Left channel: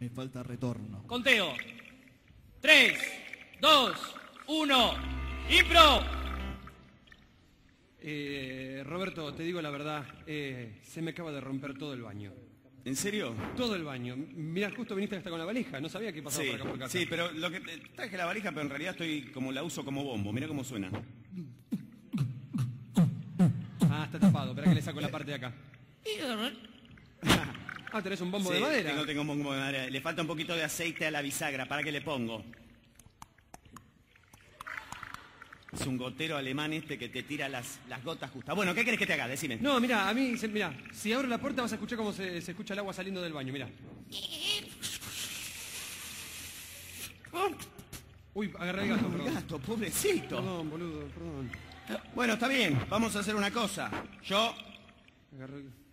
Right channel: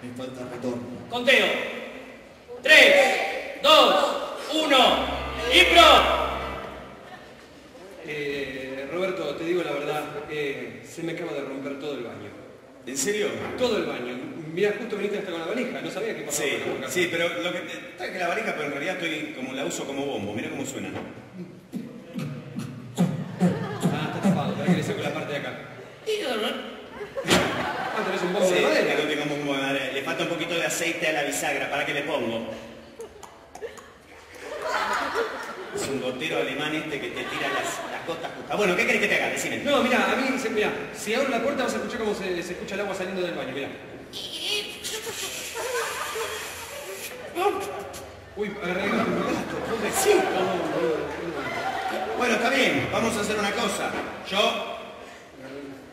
Me falta retorno. Conteo. 3, 2, 1. ¡Impro! Roberto, te digo la verdad, se me acaba de romper todo el baño. ¿En serio? Todo el baño. Mira, justo viniste hasta con la valija, no sabía qué pasaba. Sí, pero lo que está que la valija, pero en realidad la uso como bombo. Mira cómo suena. Ah, está tapado, para que le saco la parte de acá. Ah, tenés un bombo de madera. Tengo un bombo de madera. Le falta un poquito de aceite a la bisagra, ¿para qué le pongo? Es un gotero alemán este que te tira las gotas justas. Bueno, ¿qué querés que te haga? Decime. No, mira, a mí, mira, si abro la puerta vas a escuchar cómo se escucha el agua saliendo del baño, mira. Uy, agarré el gato. Pobrecito. Bueno, está bien, vamos a hacer una cosa. Yo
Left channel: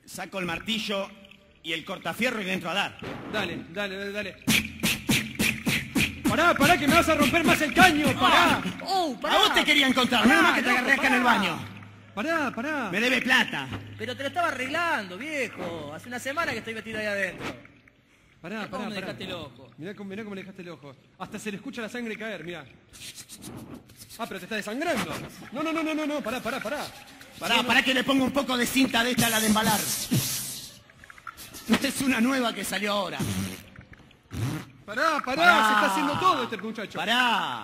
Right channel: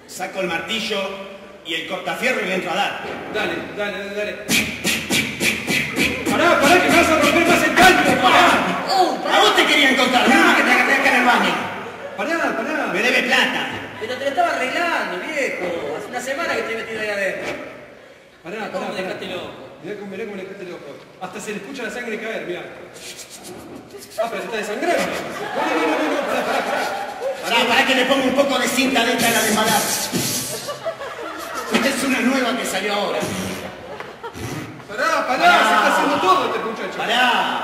saco el martillo y el cortafierro y le entro a dar. Dale. Pará, que me vas a romper más el canto, pará. ¿A vos te querían contar? No, que te agarré acá en el baño. Pará. Me debe plata. Pero te lo estaba arreglando, viejo. Hace una semana que estoy metido ahí adentro. Pará. ¿Cómo me dejaste loco? Mirá cómo le dejaste loco. Hasta se le escucha la sangre caer, mirá. Ah, pero se está desangrando. No, pará. Para que le ponga un poco de cinta dentro de la embalada. Esta es una nueva que salió ahora. Pará, se está haciendo todo este muchacho. Pará.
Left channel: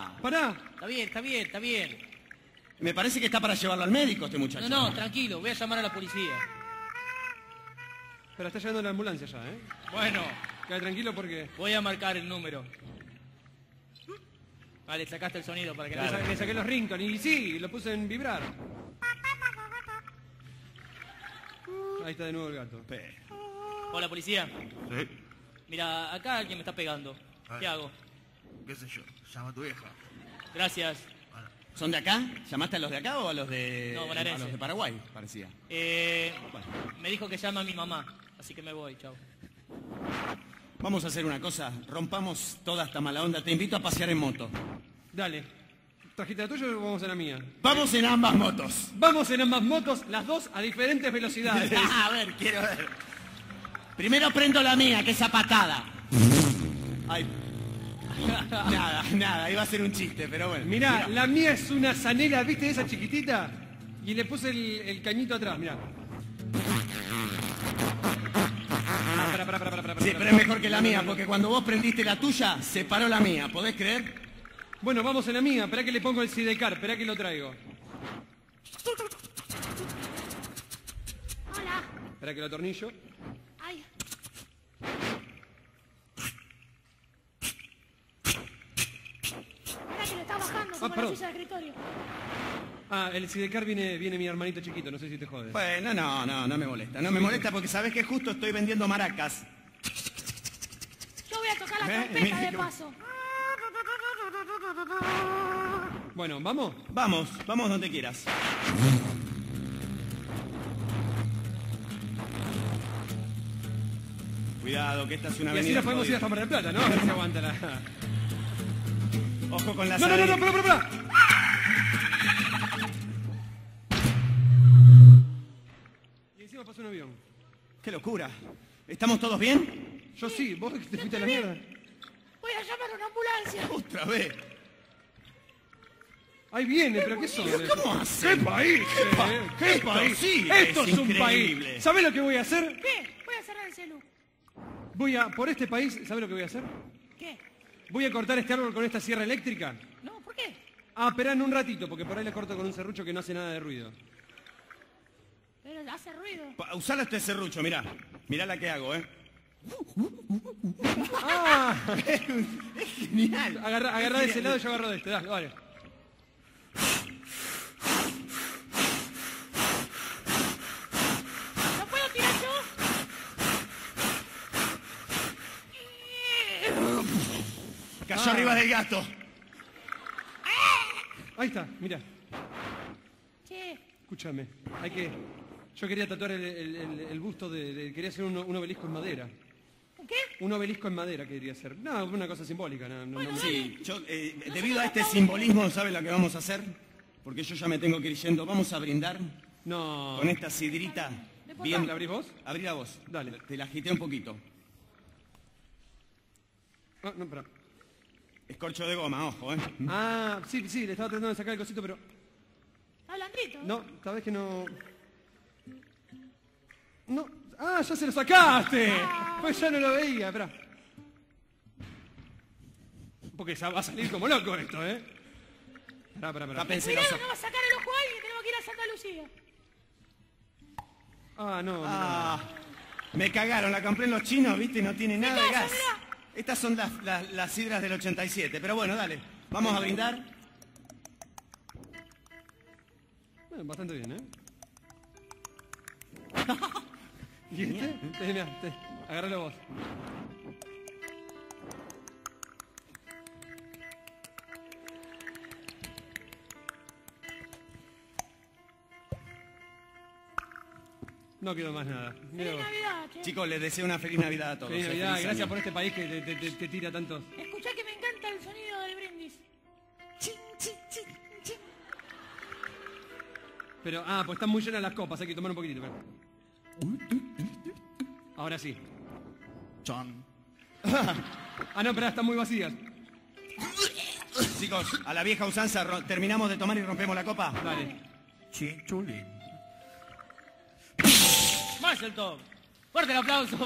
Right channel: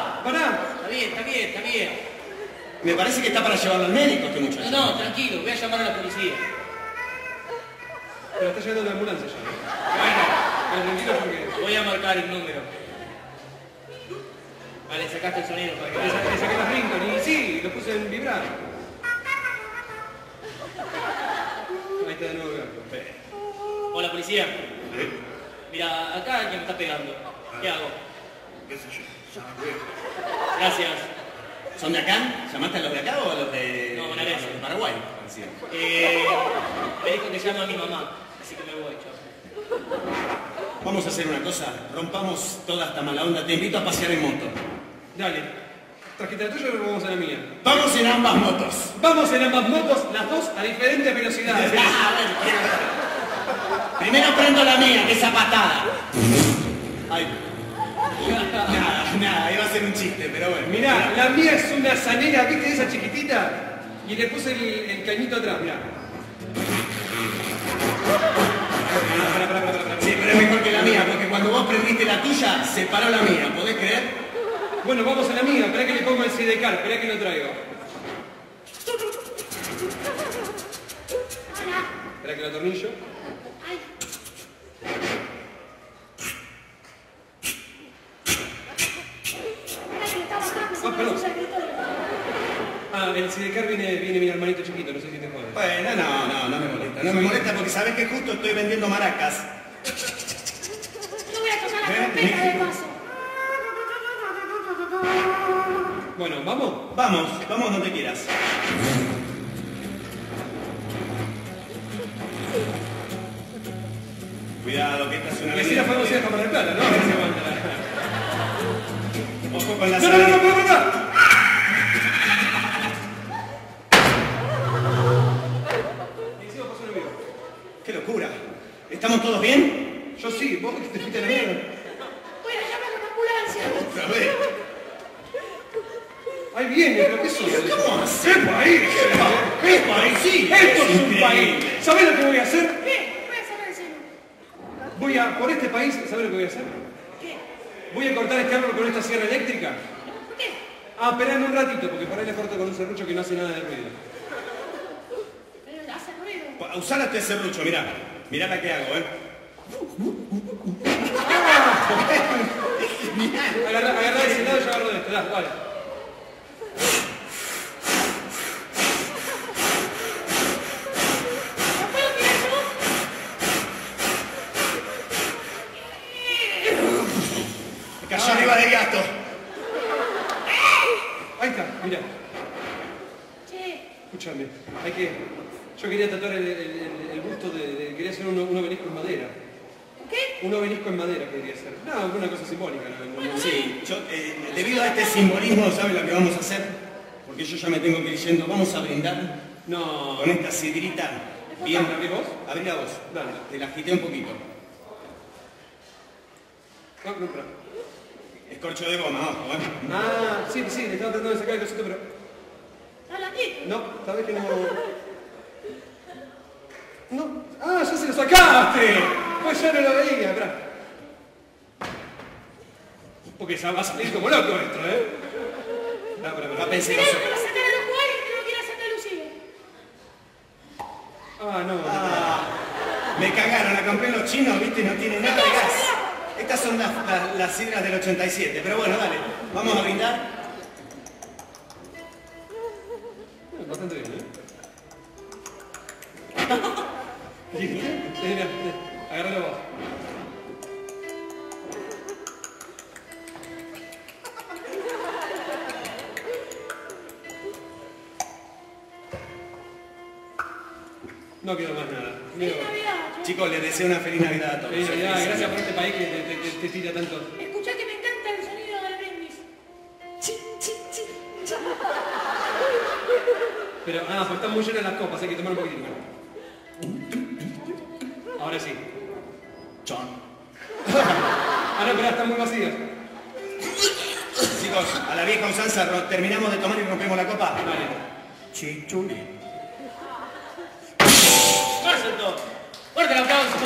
Está bien. Me parece que está para llevarlo al médico este muchacho. No, tranquilo, voy a llamar a la policía. Pero está llevando una ambulancia ya, ¿no? Bueno, tranquilo porque... Voy a marcar el número. Vale, sacaste el sonido para que veas. Le saqué las ringtones y sí, lo puse en vibrar. Ahí está de nuevo el gato. Hola, policía. Mira, acá alguien me está pegando. ¿Qué hago? ¿Qué sé yo? Llámate. Gracias. ¿Son de acá? ¿Llamaste a los de acá o a los de, No, bonaerense. de Paraguay? Me dijo que llama a mi mamá, así que me voy, chao. Vamos a hacer una cosa. Rompamos toda esta mala onda. Te invito a pasear en moto. Dale. ¿Trajiste la tuya o vamos a la mía? Vamos en ambas motos. Vamos en ambas motos, las dos a diferentes velocidades. Primero prendo la mía, que es a patada. Ay. Nada, iba a ser un chiste, pero bueno. Mirá, la mía es una sanera, ¿viste esa chiquitita? Y le puse el cañito atrás, mirá. Sí, pero es mejor que la mía, porque cuando vos prendiste la tuya, se paró la mía, ¿podés creer? Bueno, vamos a la mía, esperá que le pongo el sidecar, esperá que lo traigo. Esperá que lo atornillo. Perdón. El sidecar viene mi hermanito chiquito, no sé si te jode. Bueno, no me molesta. No me molesta porque sabés que justo estoy vendiendo maracas. Yo voy a tocar la trompeta de paso. Bueno, ¿vamos? Vamos donde quieras. Cuidado, que esta es una Que si la podemos ir a Cámara de Plata, ¿no? A ver si aguanta la... Ojo con la ¡No! ¡Qué locura! ¿Estamos todos bien? Yo sí, vos que te fuiste a la mierda. Voy a llamar a una ambulancia. Otra vez. Ahí viene, pero ¿qué sos? ¿Cómo hacer? ¡Qué país! ¡Qué país! Sí, ¡Esto es un país! ¿Sabés lo que voy a hacer? ¿Qué? Voy a saber el celu. Voy a, por este país, ¿sabés lo que voy a hacer? ¿Qué? Voy a cortar este árbol con esta sierra eléctrica. ¿Por qué? Ah, esperame un ratito, porque por ahí le corto con un serrucho que no hace nada de ruido. Pero hace ruido. Usar este serrucho, mirá. Mirá la que hago, Agarrá de ese lado y yo agarro de este. Dale. Me cayó arriba del gato. Ahí está, mirá. Che, Escúchame, yo quería tatuar el busto quería hacer un obelisco en madera. ¿qué? Un obelisco en madera quería hacer. No, una cosa simbólica. No. Sí, debido a este simbolismo, ¿sabes lo que vamos a hacer? Porque yo ya me tengo que ir yendo. Vamos a brindar No. con esta sidrita. Bien. ¿Abrí vos? Abrí la voz. Dale. Te la agité un poquito. No, no, pero... Es corcho de goma, ojo, ¿eh? Ah, sí, le estaba tratando de sacar el cosito, pero... Habla ti. No, tal vez que no... No. ¡Ah, ya se lo sacaste! Pues yo no lo veía, atrás. Porque ya va a salir como loco esto, ¿eh? No pensé Mirá, eso. te va a sacar a los jugadores que no quiera sacar a Lucía. Ah, no. Ah, me cagaron, la compré en los chinos, ¿viste? No tiene nada de gas. Estas son las sidras del 87, pero bueno, dale. Vamos a brindar. Bastante bien, ¿eh? Agárralo vos. No quiero más nada. Feliz Navidad. Chicos, les deseo una feliz Navidad a todos. Feliz Navidad, gracias por este país que te tira tanto. Escuchá que me encanta el sonido del brindis. Pero, pues están muy llenas las copas, hay que tomar un poquito. Ahora sí. Chon. No, espera, están muy vacías. Chicos, a la vieja usanza, terminamos de tomar y rompemos la copa. Vale. Chichuli. ¡Perfecto! Fuerte el aplauso,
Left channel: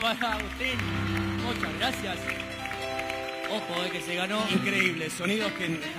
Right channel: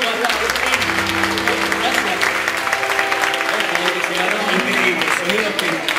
Gracias. Ojo, que se ganó. Increíble, sonido que...